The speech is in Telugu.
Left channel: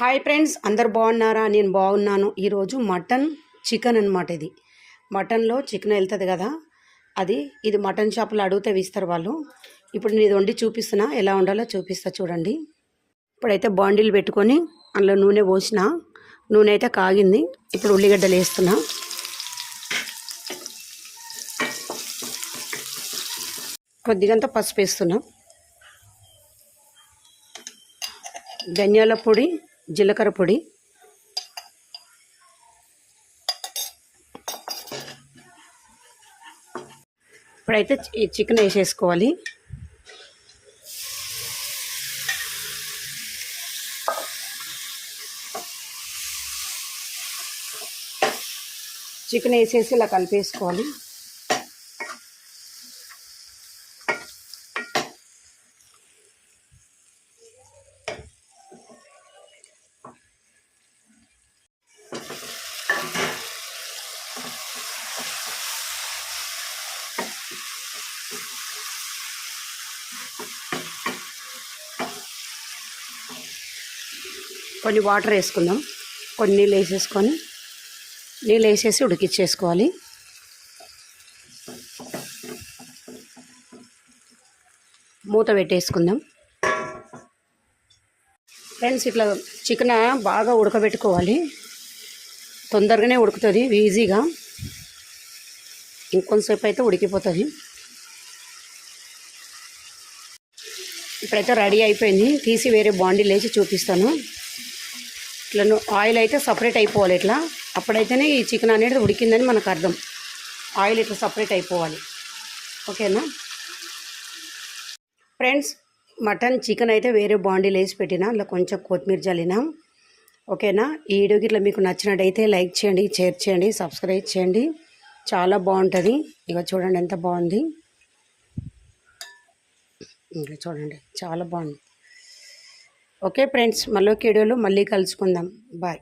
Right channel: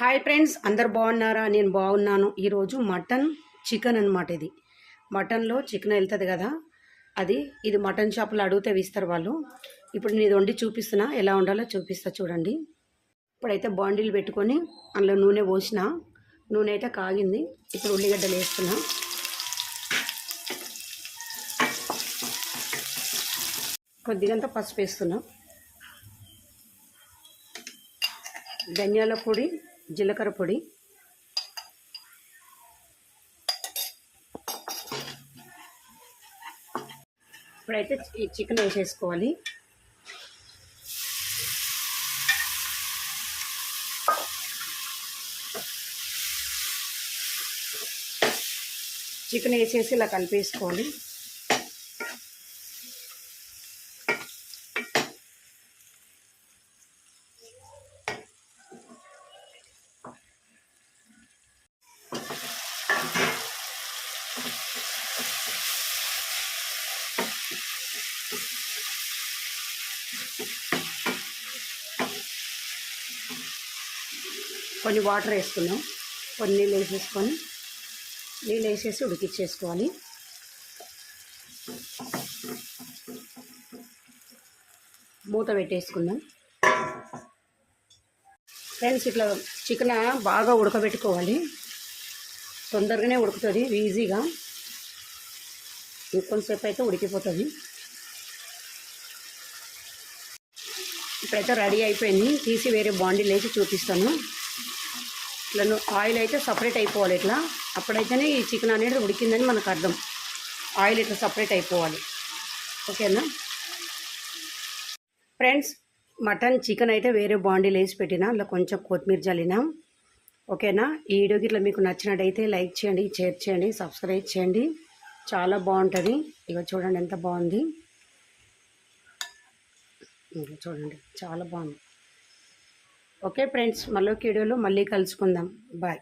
హాయ్ ఫ్రెండ్స్ అందరు బాగున్నారా? నేను బాగున్నాను. ఈరోజు మటన్ చికెన్ అనమాట ఇది. మటన్లో చికెన్ వెళ్తుంది కదా అది ఇది మటన్ షాపులో అడిగితే ఇస్తారు వాళ్ళు. ఇప్పుడు నేను ఇది వండి చూపిస్తున్నా. ఎలా ఉండాలో చూపిస్తా చూడండి. ఇప్పుడైతే బాండీలు పెట్టుకొని అందులో నూనె పోసిన. నూనె అయితే కాగింది. ఇప్పుడు ఉల్లిగడ్డలు వేస్తున్నా. కొద్దిగంత పసుపు వేస్తున్నాం. ధనియాల పొడి జీలకర్ర పొడి. ఇప్పుడైతే ఈ చికెన్ వేసేసుకోవాలి. చికెన్ వేసేసి ఇలా కలిపేసుకోవాలి. కొన్ని వాటర్ వేసుకుందాం. కొన్ని నీళ్ళు వేసేసుకొని నీళ్ళు వేసేసి ఉడికిచ్చేసుకోవాలి. మూత పెట్టేసుకుందాం. ఫ్రెండ్స్ ఇట్లా చికెన్ బాగా ఉడకబెట్టుకోవాలి. తొందరగానే ఉడుకుతుంది ఈజీగా ఇంకొంతసేపు అయితే ఉడికిపోతుంది. ఇప్పుడైతే రెడీ అయిపోయింది. తీసి వేరే బాండీ లేచి చూపిస్తాను. ఇట్లా ఆయిల్ అయితే సపరేట్ అయిపోవాలి ఇట్లా. అప్పుడైతేనే ఈ చికెన్ అనేది ఉడికిందని మనకు అర్థం. ఆయిల్ ఇట్లా సపరేట్ అయిపోవాలి. ఓకేనా? ఫ్రెండ్స్ మటన్ చికెన్ అయితే వేరే బాండీలు వేసి పెట్టినా. అందులో కొంచెం కొత్తిమీర జల్లిన ఓకేనా? ఈ వీడియోకి ఇట్లా మీకు నచ్చినట్టయితే లైక్ చేయండి షేర్ చేయండి సబ్స్క్రైబ్ చేయండి. చాలా బాగుంటుంది. ఇక చూడండి ఎంత బాగుంది. ఇంకా చూడండి చాలా బాగుంది. ఓకే ఫ్రెండ్స్ మళ్ళీ వీడియోలో మళ్ళీ కలుసుకుందాం. బాయ్.